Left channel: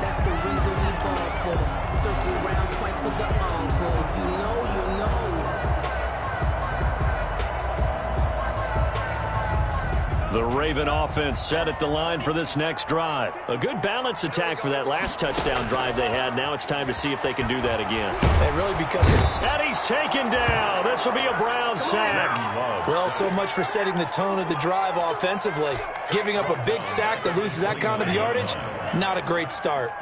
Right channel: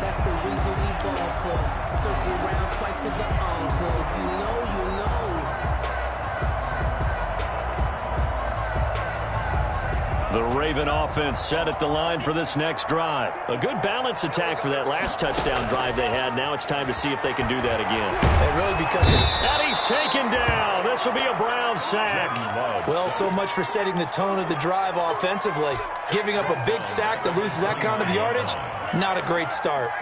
That's the reason we ball for. Circle round twice for the encore. If you know, you know. The Raven offense set at the line for this next drive. A good balance attack for that last touchdown drive they had. Now it's time to see if they can do that again. It really becomes a... And he's taken down. This will be a Brown sack. Well, so much for setting the tone of the drive offensively. Giving up a big sack that loses that kind of yardage, not a great start.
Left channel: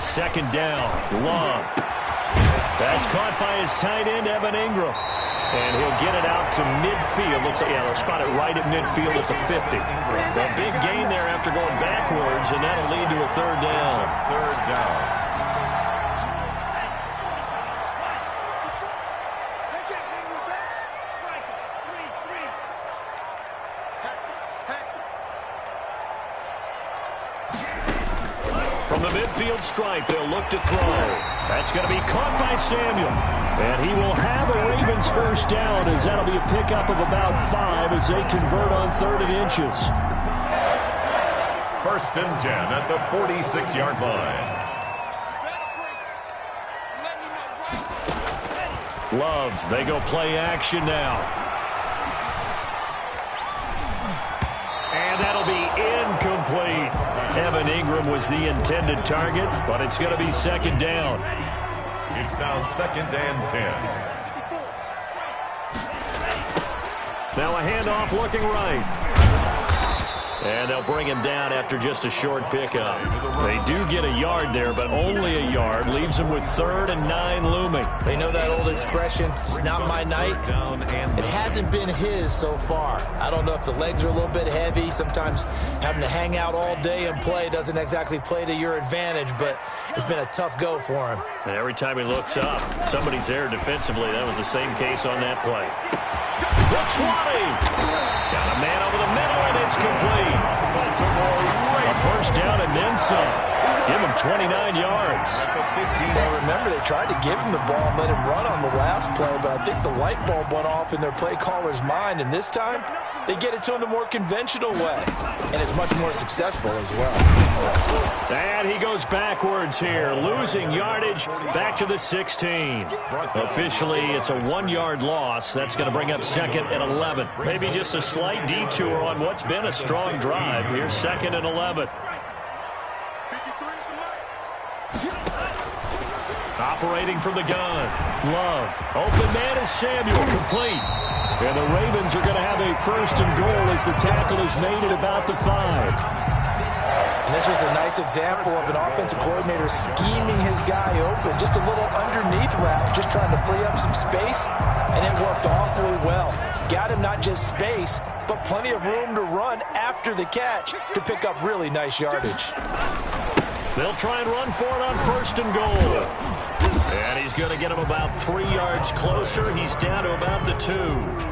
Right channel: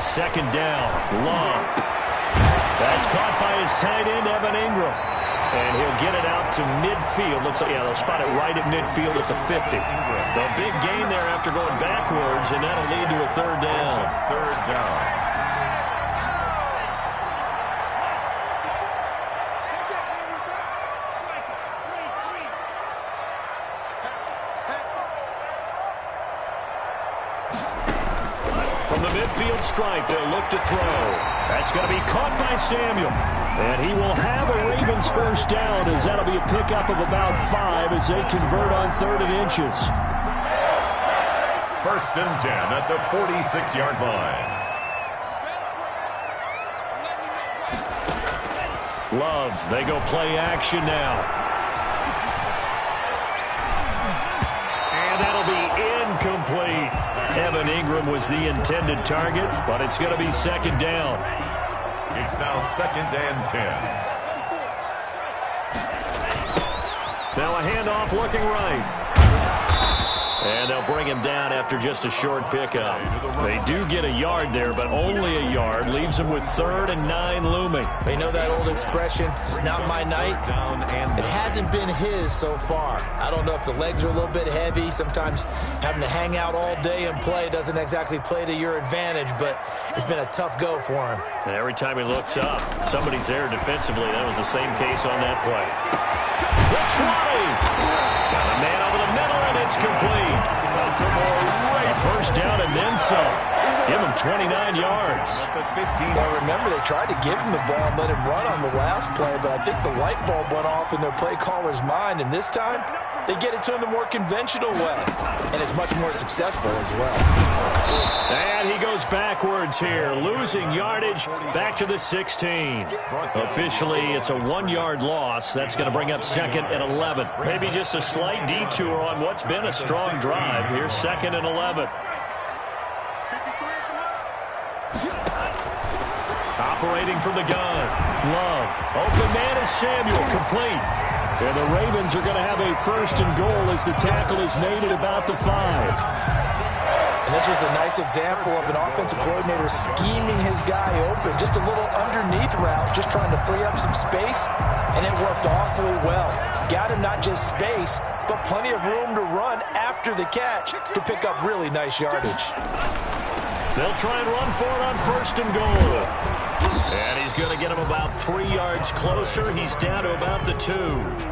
Second down, Love. That's caught by his tight end, Evan Ingram. And he'll get it out to midfield. Looks like, yeah, they'll spot it right at midfield at the 50. A big gain there after going backwards, and that'll lead to a third down. Third down. From the midfield stripe, they'll look to throw. That's going to be caught by Samuel. And he will have a Ravens first down, as that'll be a pickup of about 5 as they convert on 3rd and inches. 1st and 10 at the 46-yard line. Love, they go play action now. And that'll be incomplete. Evan Ingram was the intended target, but it's going to be 2nd down. It's now 2nd and 10. Now a handoff looking right. And they'll bring him down after just a short pickup. They do get a yard there, but only a yard. Leaves them with 3rd and 9 looming. They know that old expression, it's not my night. It hasn't been his so far. I don't know if the legs are a little bit heavy. Sometimes having to hang out all day and play doesn't exactly play to your advantage, but it's been a tough go for him. And every time he looks up, somebody's there defensively. That was the same case on that play. The 20. Got a man over the middle, and it's complete. A first down and then some. Give him 29 yards. Well, remember, they tried to give him the ball and let him run on the last play, but I think the light bulb went off in their play caller's mind, and this time they get it to him the more conventional way, and it's much more successful as well. And he goes backwards here, losing yardage back to the 16. Officially, it's a 1-yard loss. That's going to bring up 2nd and 11. Maybe just a slight detour on what's been a strong drive. Here's 2nd and 11. Operating from the gun. Love. Open man is Samuel. Complete. And the Ravens are going to have a 1st and goal as the tackle is made at about the 5. And this was a nice example of an offensive coordinator scheming his guy open. Just a little underneath route, just trying to free up some space, and it worked awfully well. Got him not just space, but plenty of room to run after the catch to pick up really nice yardage. They'll try and run for it on 1st and goal. And he's going to get him about 3 yards closer. He's down to about the 2.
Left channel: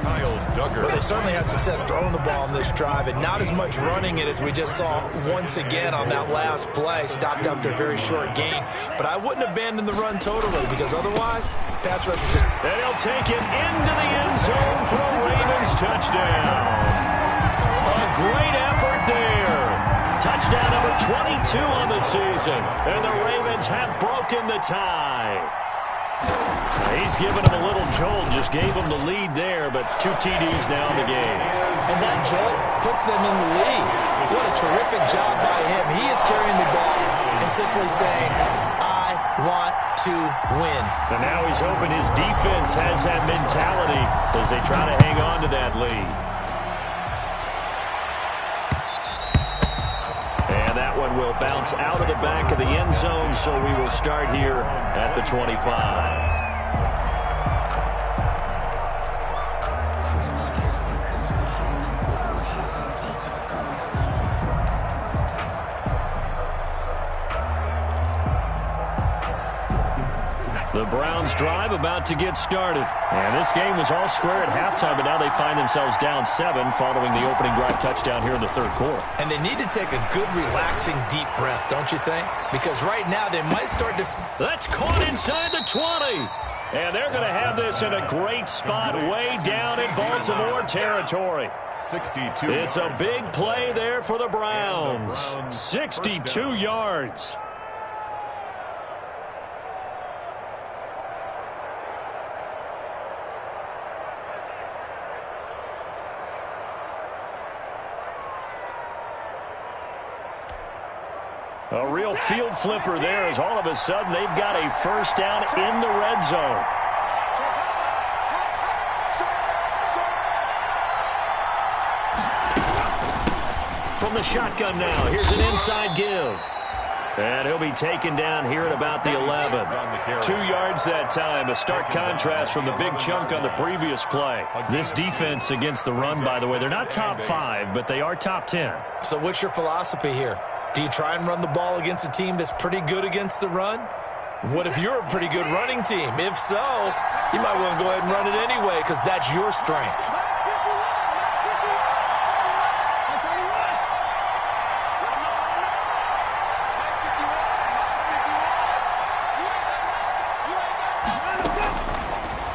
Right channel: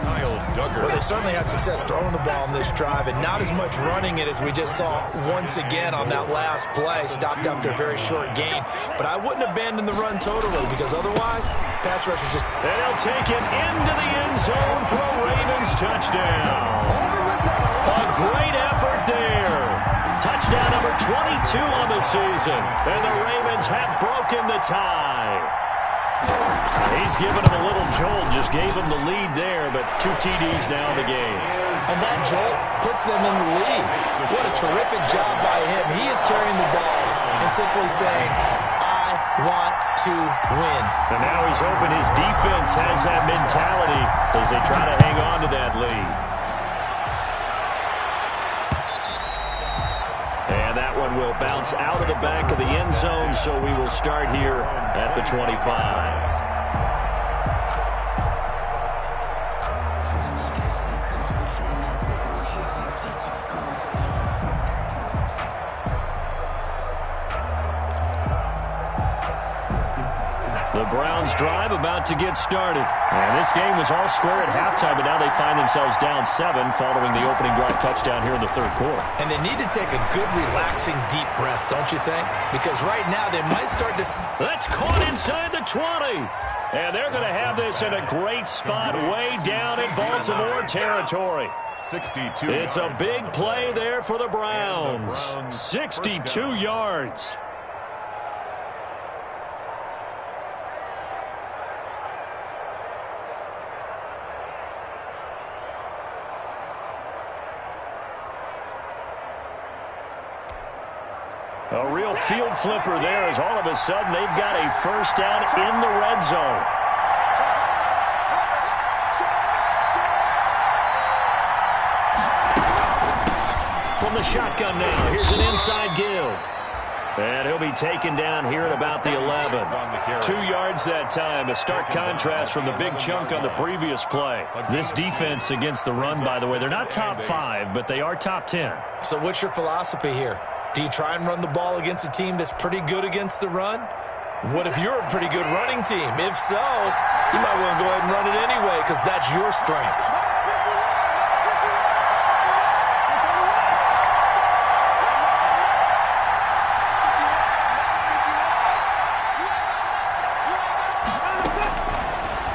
Kyle Duggar. Well, they certainly had success throwing the ball on this drive, and not as much running it as we just saw once again on that last play. Stopped after a very short gain. But I wouldn't abandon the run totally, because otherwise, pass rushers just... And he'll take it into the end zone for a Ravens touchdown. A great effort there. Touchdown number 22 on the season. And the Ravens have broken the tie. He's given him a little jolt. Just gave him the lead there, but 2 TDs now in the game. And that jolt puts them in the lead. What a terrific job by him. He is carrying the ball and simply saying, I want to win. And now he's hoping his defense has that mentality as they try to hang on to that lead. And that one will bounce out of the back of the end zone, so we will start here at the 25. The Browns drive about to get started. And this game was all square at halftime, but now they find themselves down 7 following the opening drive touchdown here in the 3rd quarter. And they need to take a good, relaxing, deep breath, don't you think? Because right now they might start to... That's caught inside the 20. And they're going to have this in a great spot way down in Baltimore territory. 62 It's a big play there for the Browns. 62 yards. A real field flipper there as all of a sudden they've got a first down in the red zone. From the shotgun now, here's an inside give. And he'll be taken down here at about the 11. 2 yards that time, a stark contrast from the big chunk on the previous play. This defense against the run, by the way, they're not top 5, but they are top 10. So what's your philosophy here? Do you try and run the ball against a team that's pretty good against the run? What if you're a pretty good running team? If so, you might want to go ahead and run it anyway because that's your strength.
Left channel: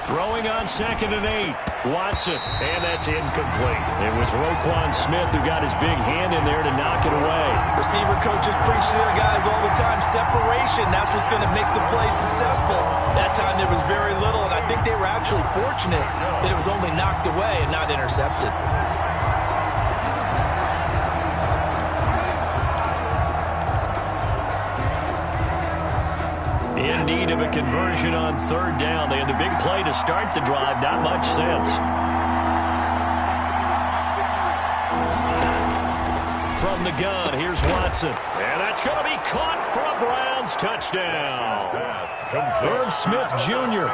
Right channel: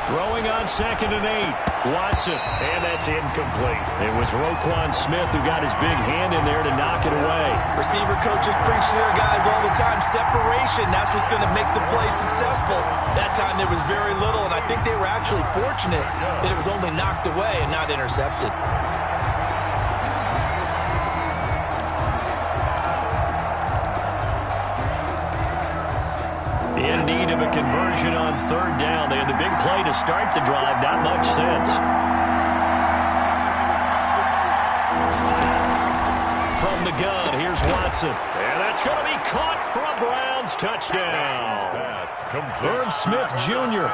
Throwing on 2nd and 8. Watson, and that's incomplete. It was Roquan Smith who got his big hand in there to knock it away. Receiver coaches preach to their guys all the time. Separation, that's what's going to make the play successful. That time there was very little, and I think they were actually fortunate that it was only knocked away and not intercepted. In need of a conversion on 3rd down. They had the big play to start the drive. Not much sense. From the gun, here's Watson. And that's going to be caught for a Browns touchdown. Irv Smith Jr.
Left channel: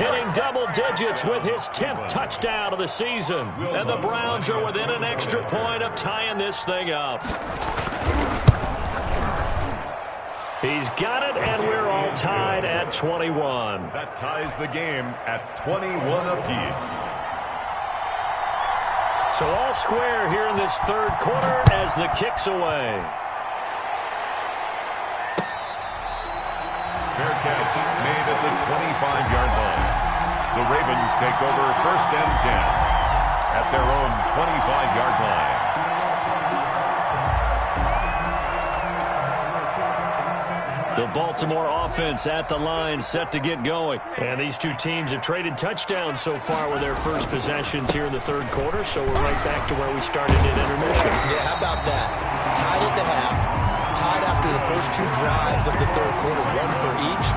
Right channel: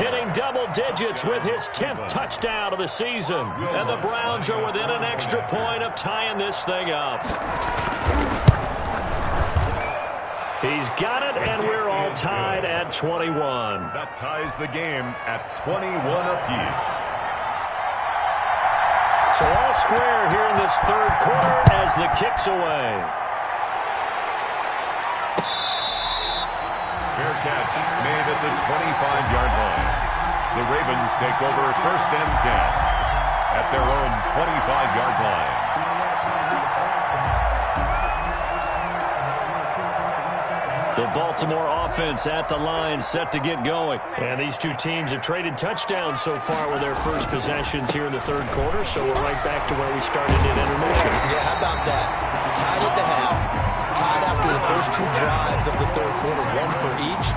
hitting double digits with his 10th touchdown of the season. And the Browns are within an extra point of tying this thing up. He's got it, and we're all tied at 21. That ties the game at 21 apiece. So all square here in this 3rd quarter as the kick's away. Fair catch made at the 25-yard line. The Ravens take over 1st and 10 at their own 25-yard line. The Baltimore offense at the line, set to get going. And these two teams have traded touchdowns so far with their first possessions here in the 3rd quarter, so we're right back to where we started in intermission. Yeah, how about that? Tied at the half, tied after the first 2 drives of the 3rd quarter, 1 for each.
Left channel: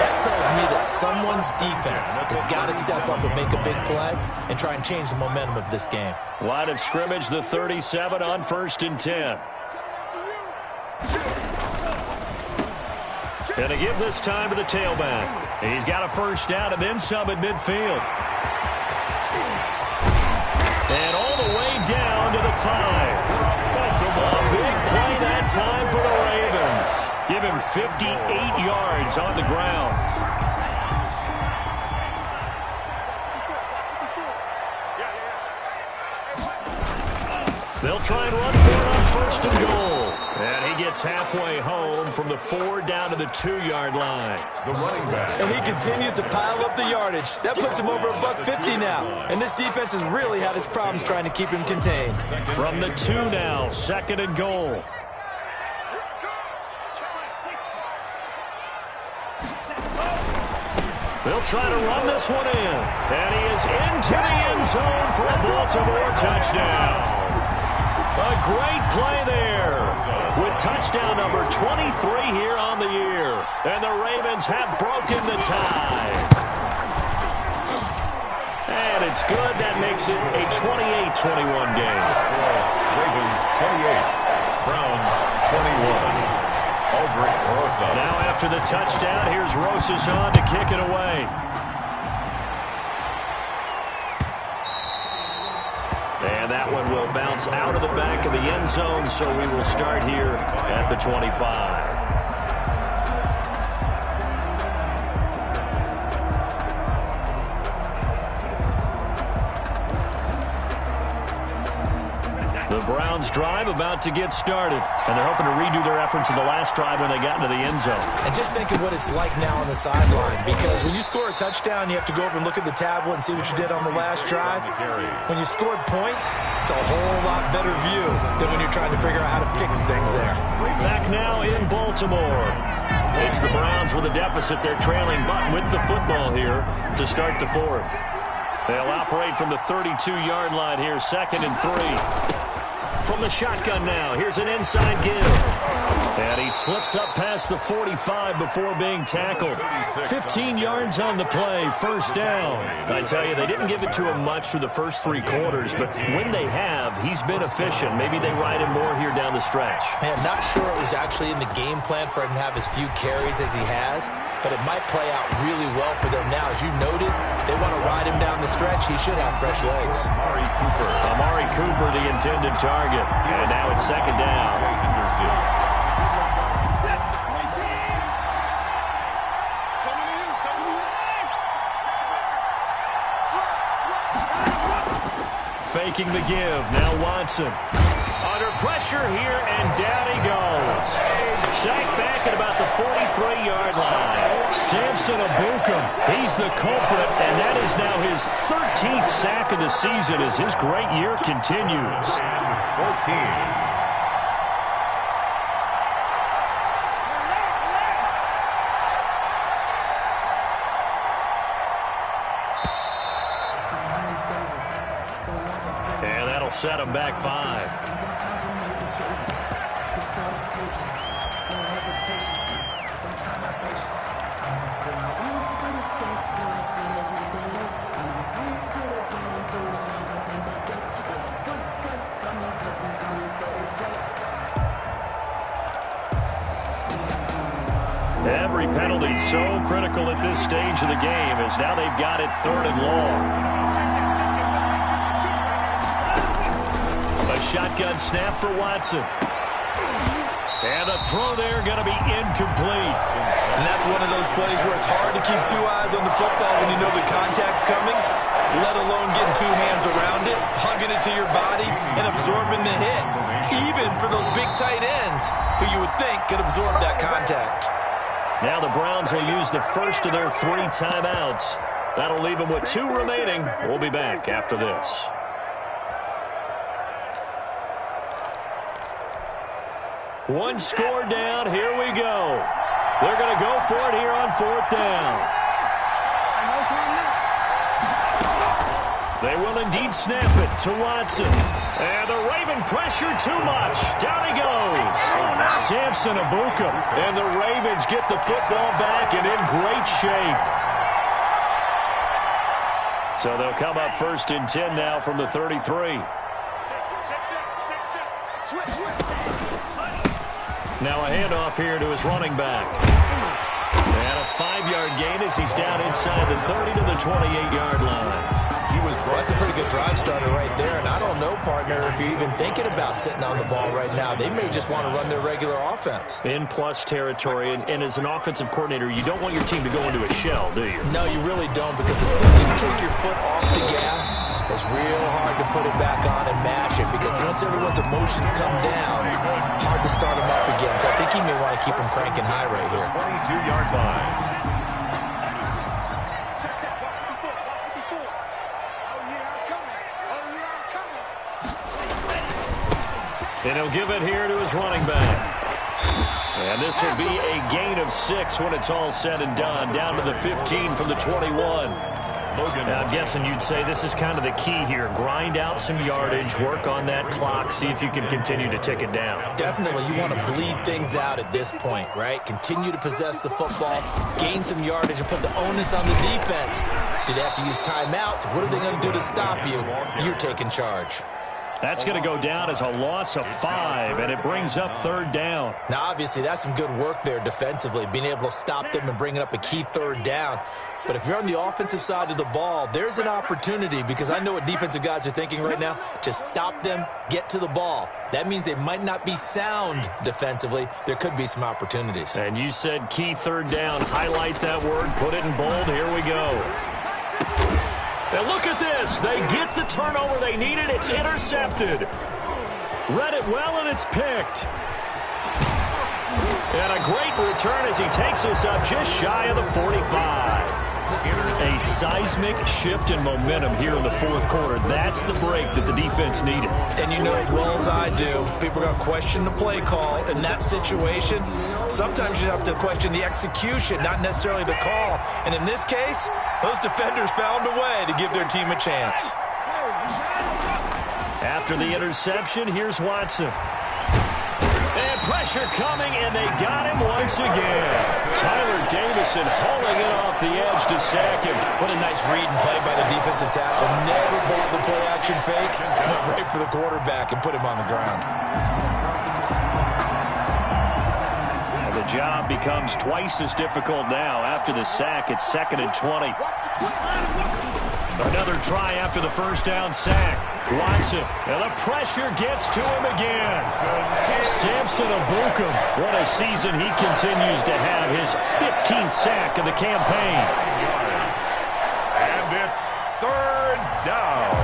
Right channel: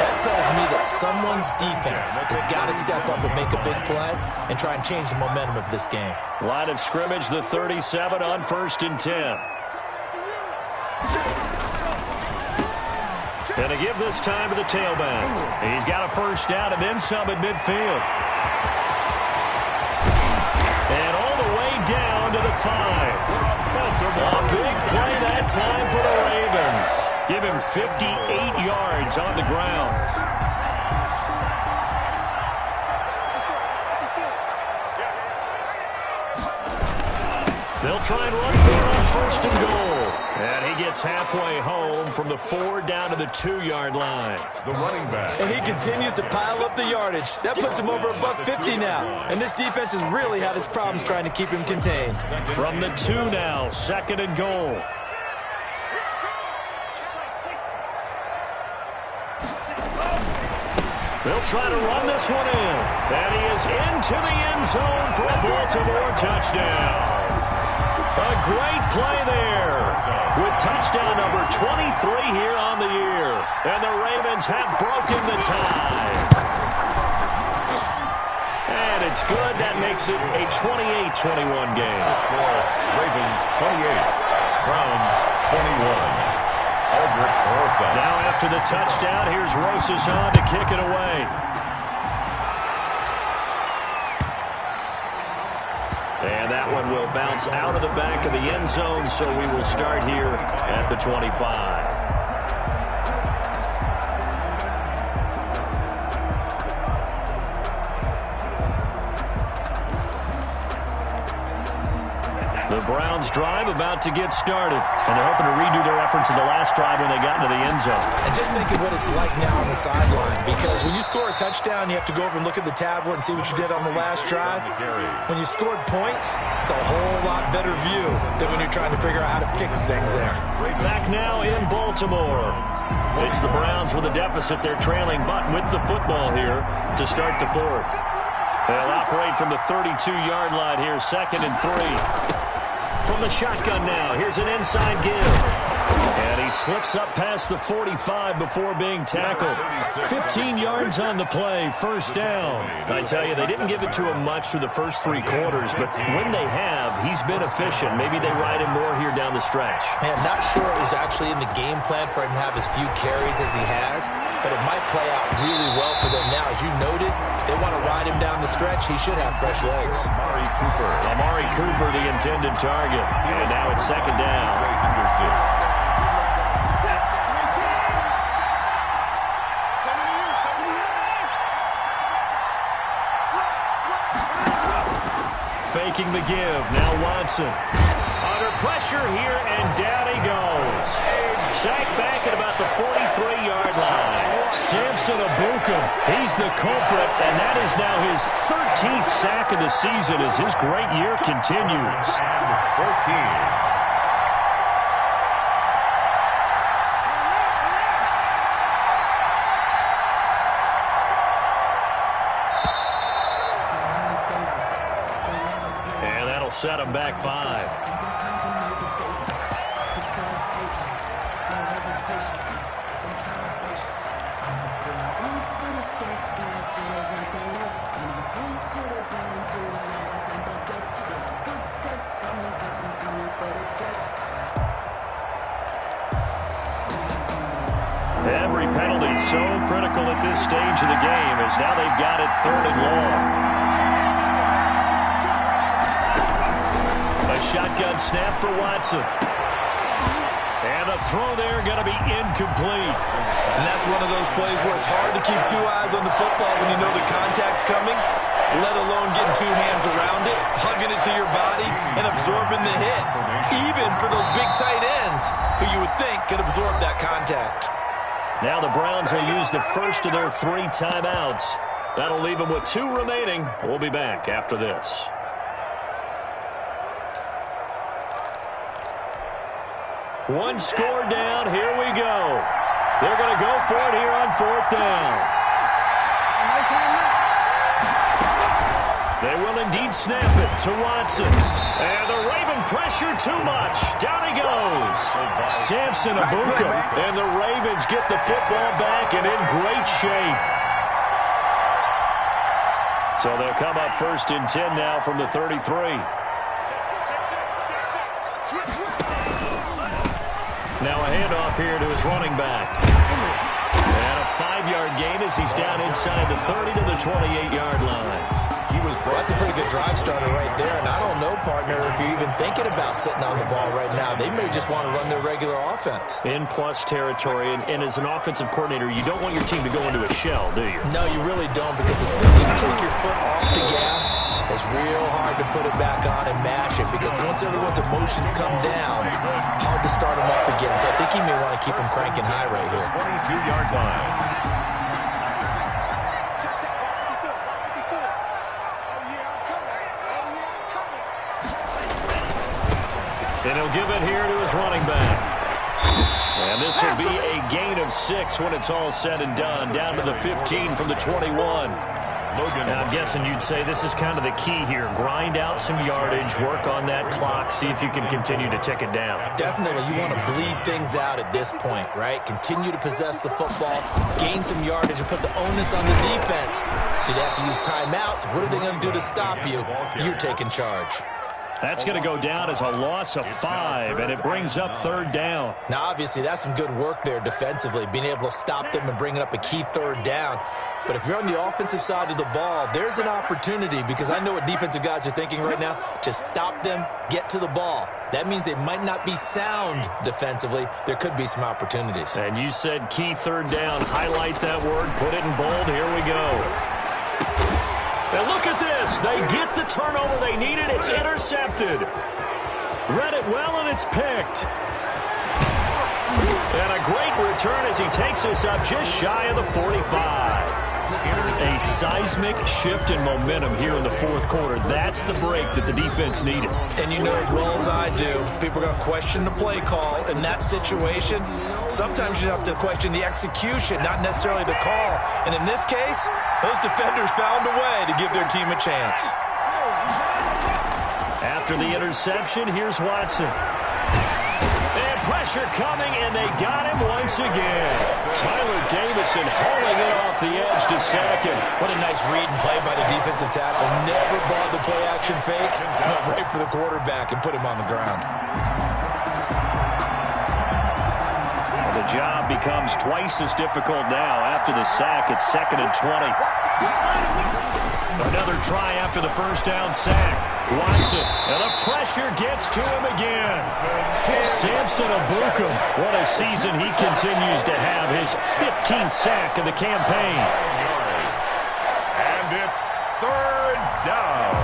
That tells me that someone's defense has got to step up and make a big play and try and change the momentum of this game. Line of scrimmage, the 37 on 1st and 10. And a give this time to the tailback. He's got a first down and then some at midfield. And all the way down to the 5. A big play that time for the Ravens. Give him 58 yards on the ground. They'll try and run for it on 1st and goal. And he gets halfway home from the 4 down to the 2-yard line. The running back. And he continues to pile up the yardage. That puts him over $150 now. And this defense has really had its problems trying to keep him contained. From the 2 now, 2nd and goal. They'll try to run this one in. And he is into the end zone for a Baltimore touchdown. A great play there with touchdown number 23 here on the year. And the Ravens have broken the tie. And it's good. That makes it a 28-21 game. Ravens 28, Browns 21. Aldrich Rosas. Now after the touchdown, here's Rosas on to kick it away. And that one will bounce out of the back of the end zone, so we will start here at the 25. The Browns drive about to get started, and they're hoping to redo their efforts in the last drive when they got into the end zone. And just think of what it's like now on the sideline, because when you score a touchdown, you have to go over and look at the tablet and see what you did on the last drive. When you scored points, it's a whole lot better view than when you're trying to figure out how to fix things there. Back now in Baltimore. It's the Browns with a deficit. They're trailing, but with the football here to start the fourth. They'll operate from the 32-yard line here, 2nd and 3. From the shotgun now, here's an inside give. And he slips up past the 45 before being tackled. 15 yards on the play, 1st down. I tell you, they didn't give it to him much through the first 3 quarters, but when they have, he's been efficient. Maybe they ride him more here down the stretch. Man, not sure it was actually in the game plan for him to have as few carries as he has, but it might play out really well for them now. As you noted, if they want to ride him down the stretch, he should have fresh legs. Amari Cooper, the intended target. And now it's 2nd down. Faking the give. Now Watson. Under pressure here, and down he goes. Sacked back at about the 43-yard line. Samson Abukum, he's the culprit, and that is now his 13th sack of the season as his great year continues. 14. And that'll set him back 5. Every penalty so critical at this stage of the game as now they've got it 3rd and long. A shotgun snap for Watson. And the throw there going to be incomplete. And that's one of those plays where it's hard to keep 2 eyes on the football when you know the contact's coming, let alone getting 2 hands around it, hugging it to your body, and absorbing the hit. Even for those big tight ends who you would think could absorb that contact. Now the Browns will use the first of their 3 timeouts. That'll leave them with 2 remaining. We'll be back after this. One score down. Here we go. They're going to go for it here on 4th down. They will indeed snap it to Watson. And the Raven pressure too much. Down he goes. Samson Abukum. And the Ravens get the football back and in great shape. So they'll come up 1st and 10 now from the 33. Now a handoff here to his running back. And a 5-yard gain as he's down inside the 30 to the 28-yard line. Well, that's a pretty good drive starter right there. And I don't know, partner, if you're even thinking about sitting on the ball right now. They may just want to run their regular offense. In plus territory. And as an offensive coordinator, you don't want your team to go into a shell, do you? No, you really don't, because as soon as you take your foot off the gas, it's real hard to put it back on and mash it, because once everyone's emotions come down, hard to start them up again. So I think he may want to keep them cranking high right here. 22-yard line. And he'll give it here to his running back. And this will be a gain of 6 when it's all said and done. Down to the 15 from the 21. Now, I'm guessing you'd say this is kind of the key here. Grind out some yardage, work on that clock, see if you can continue to tick it down. Definitely. You want to bleed things out at this point, right? Continue to possess the football, gain some yardage, and put the onus on the defense. Do they have to use timeouts? What are they going to do to stop you? You're taking charge. That's going to go down as a loss of 5, and it brings up 3rd down. Now, obviously, that's some good work there defensively, being able to stop them and bringing up a key 3rd down. But if you're on the offensive side of the ball, there's an opportunity, because I know what defensive guys are thinking right now, to stop them, get to the ball. That means they might not be sound defensively. There could be some opportunities. And you said key 3rd down. Highlight that word. Put it in bold. Here we go. And look at this. They get the turnover they needed. It's intercepted. Read it well, and it's picked. And a great return as he takes us up just shy of the 45. A seismic shift in momentum here in the fourth quarter. That's the break that the defense needed. And you know as well as I do, people are going to question the play call. In that situation, sometimes you have to question the execution, not necessarily the call. And in this case, those defenders found a way to give their team a chance. After the interception, here's Watson. And pressure coming, and they got him once again. Tyler Davison hauling it off the edge to sack him. What a nice read and play by the defensive tackle. Never bought the play-action fake. Went right for the quarterback and put him on the ground. Well, the job becomes twice as difficult now. After the sack, it's 2nd and 20. Another try after the first down sack. Watson, and the pressure gets to him again. Samson Abukum, what a season he continues to have. His 15th sack of the campaign. 9 yards. And it's 3rd down.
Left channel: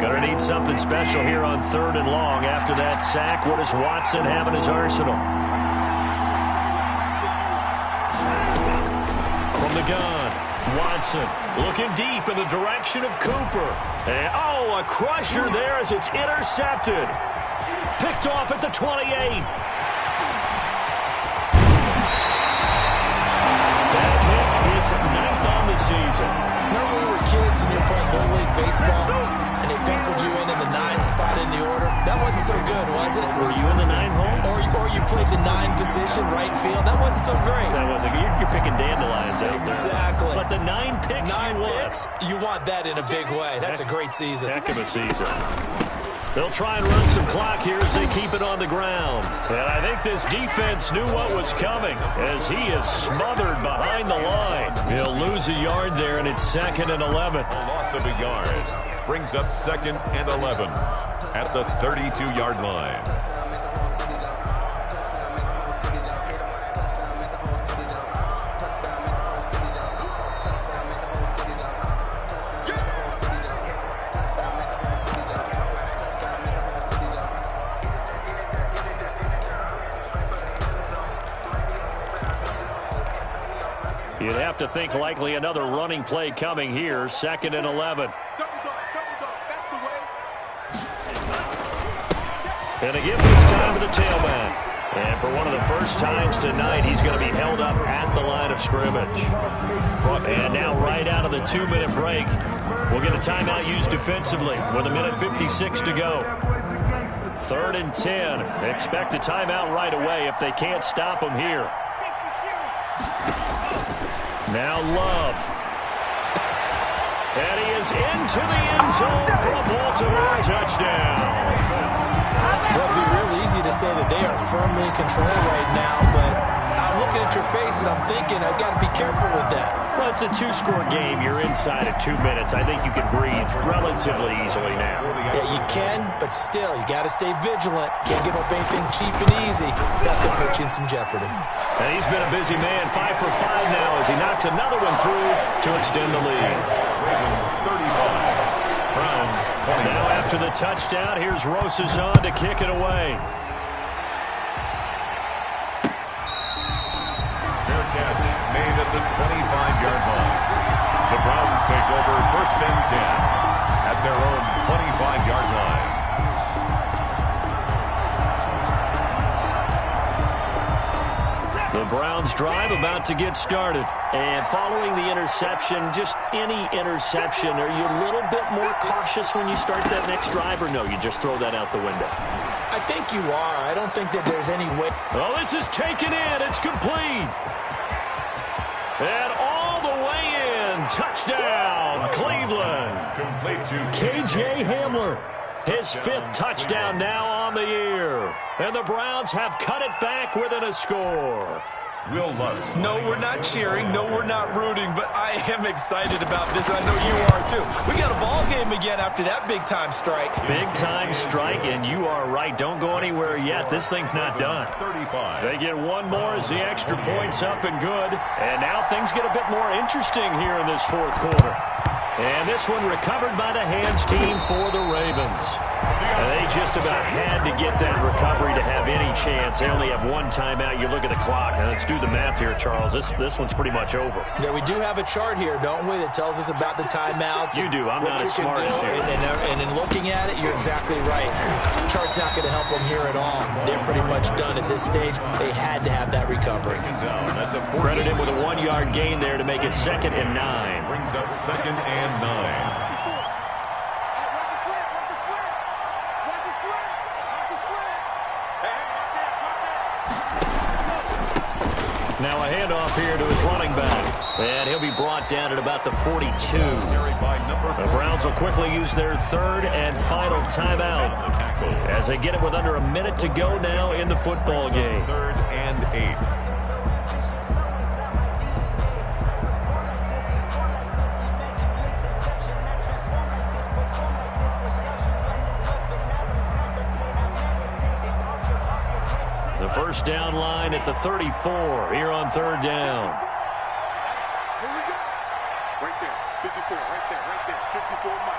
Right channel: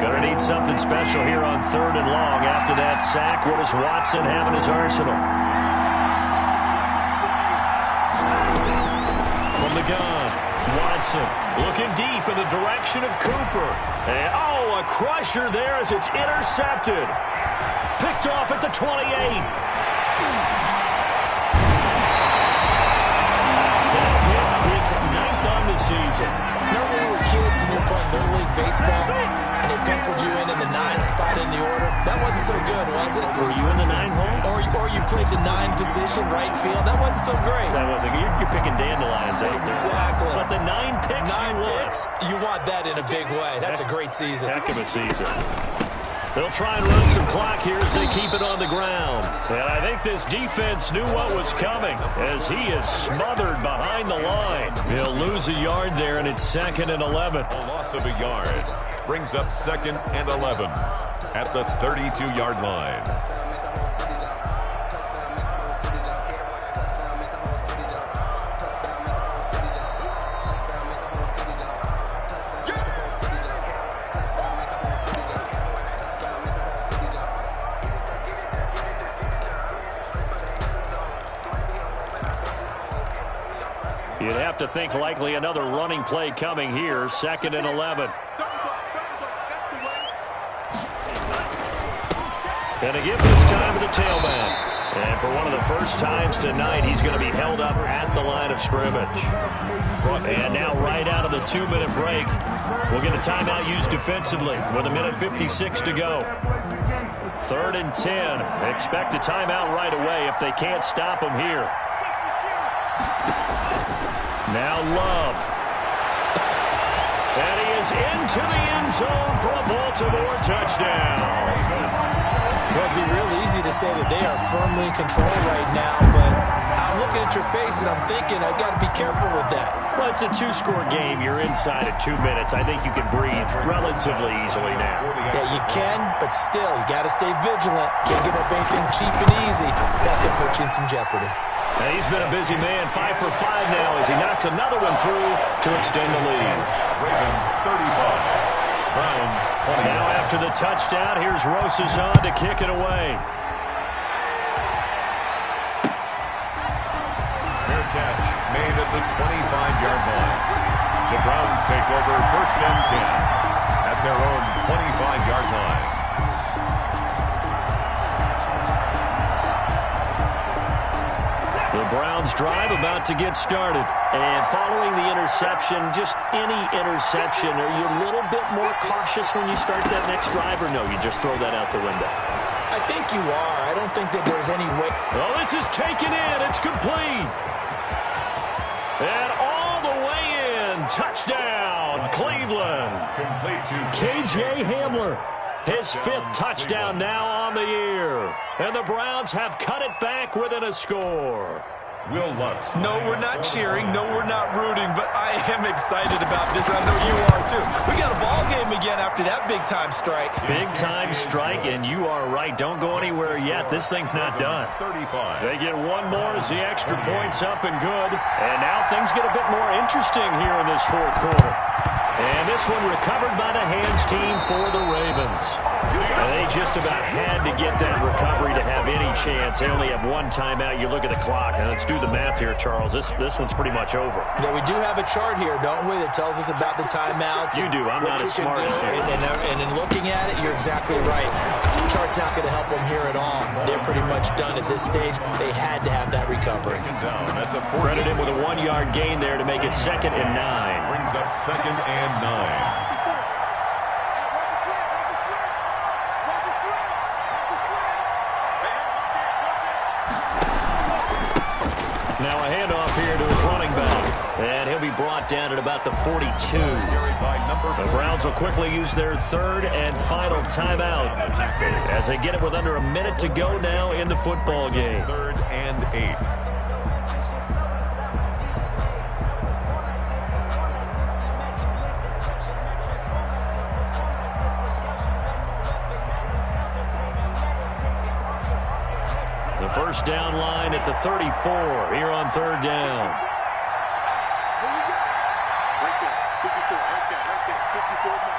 Gonna need something special here on 3rd and long. After that sack, what does Watson have in his arsenal? From the gun, Watson looking deep in the direction of Cooper. And, a crusher there as it's intercepted. Picked off at the 28. That pick is 9th on the season. Remember when we were kids and you were playing Little League Baseball and they penciled you in the 9 spot in the order? That wasn't so good, was it? Were you in the 9 hole? Or you played the 9 position, right field. That wasn't so great. That wasn't. You're picking dandelions out there. Exactly. But the 9 picks 9 picks, you want that in a big way. That's a great season. Heck of a season. They'll try and run some clock here as they keep it on the ground. And I think this defense knew what was coming as he is smothered behind the line. He'll lose a yard there, and it's 2nd and 11. A loss of a yard brings up 2nd and 11 at the 32-yard line. You'd have to think likely another running play coming here. 2nd and 11. And a give this time to the tailback. And for one of the first times tonight, he's going to be held up at the line of scrimmage. And now right out of the 2-minute break, we'll get a timeout used defensively with 1:56 to go. 3rd and 10. Expect a timeout right away if they can't stop him here. Now Love. And he is into the end zone for a Baltimore touchdown. Well, it'd be real easy to say that they are firmly in control right now, but I'm looking at your face and I'm thinking I've got to be careful with that. Well, it's a 2-score game. You're inside of 2 minutes. I think you can breathe relatively easily now. Yeah, you can, but still, you got to stay vigilant. Can't give up anything cheap and easy. That could put you in some jeopardy. And he's been a busy man, 5 for 5 now as he knocks another one through to extend the lead. Ravens 35. Browns 20. Now after the touchdown, here's Rosas on to kick it away. Fair catch made at the 25-yard line. The Browns take over 1st and 10 at their own 25-yard line. The Browns drive about to get started. And following the interception, just any interception, are you a little bit more cautious when you start that next drive, or no, you just throw that out the window? I think you are. I don't think that there's any way. Oh, this is taken in. It's complete. And all the way in. Touchdown, Cleveland. Complete to KJ Hamler. His 5th touchdown now on the year. And the Browns have cut it back within a score. Will Lutz. No, we're not cheering. No, we're not rooting. But I am excited about this. I know you are, too. We got a ball game again after that big-time strike. Big-time strike, and you are right. Don't go anywhere yet. This thing's not done. 35. They get one more as the extra point's up and good. And now things get a bit more interesting here in this fourth quarter. And this one recovered by the hands team for the Ravens. And they just about had to get that recovery to have any chance. They only have one timeout. You look at the clock, and let's do the math here, Charles. This one's pretty much over. Yeah, we do have a chart here, don't we, that tells us about the timeouts. You do. I'm not as smart as you. And in looking at it, you're exactly right. The chart's not going to help them here at all. They're pretty much done at this stage. They had to have that recovery. Credit him with a 1-yard gain there to make it 2nd and 9. Brings up 2nd and 9. Now a handoff here to his running back. And he'll be brought down at about the 42. The Browns will quickly use their 3rd and final timeout as they get it with under a minute to go now in the football game. 3rd and 8. The first down line at the 34 here on 3rd down. Here we go. Right there. 54. Right there. 54 now.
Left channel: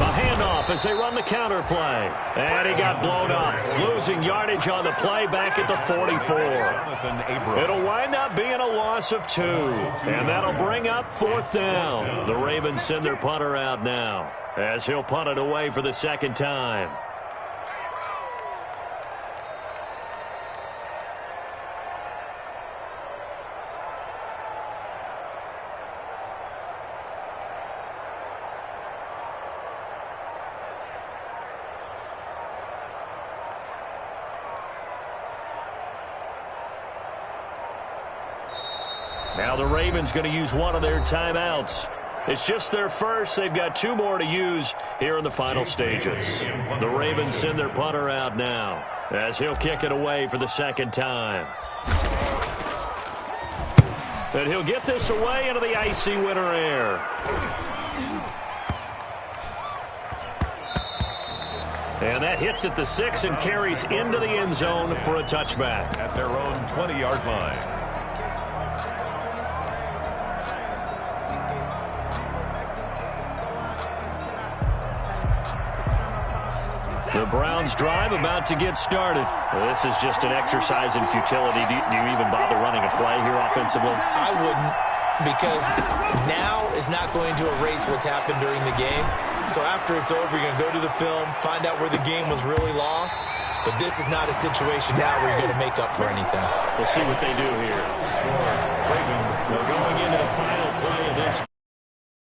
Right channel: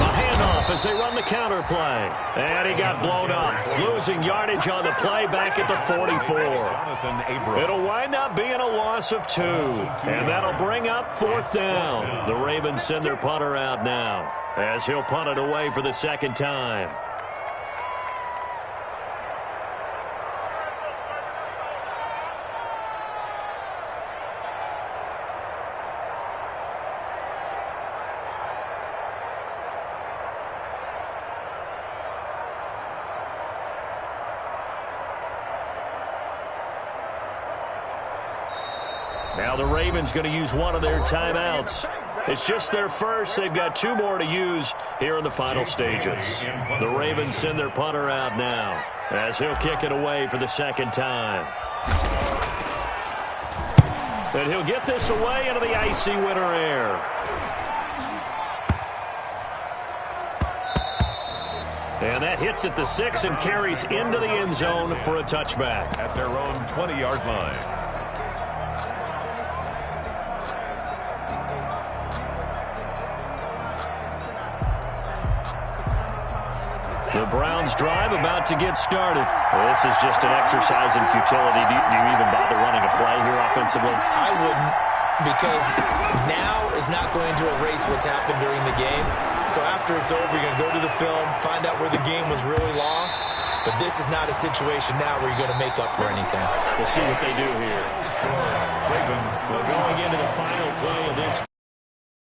A handoff as they run the counter play. And he got blown up. Losing yardage on the play back at the 44. It'll wind up being a loss of 2. And that'll bring up 4th down. The Ravens send their punter out now as he'll punt it away for the 2nd time. Now the Ravens going to use one of their timeouts. It's just their first. They've got 2 more to use here in the final stages. The Ravens send their punter out now as he'll kick it away for the 2nd time. And he'll get this away into the icy winter air. And that hits at the 6 and carries into the end zone for a touchback. At their own 20-yard line. The Browns drive about to get started. This is just an exercise in futility. Do you even bother running a play here offensively? I wouldn't, because now is not going to erase what's happened during the game. So after it's over, you're going to go to the film, find out where the game was really lost. But this is not a situation now where you're going to make up for anything. We'll see what they do here. Ravens. Well, going into the final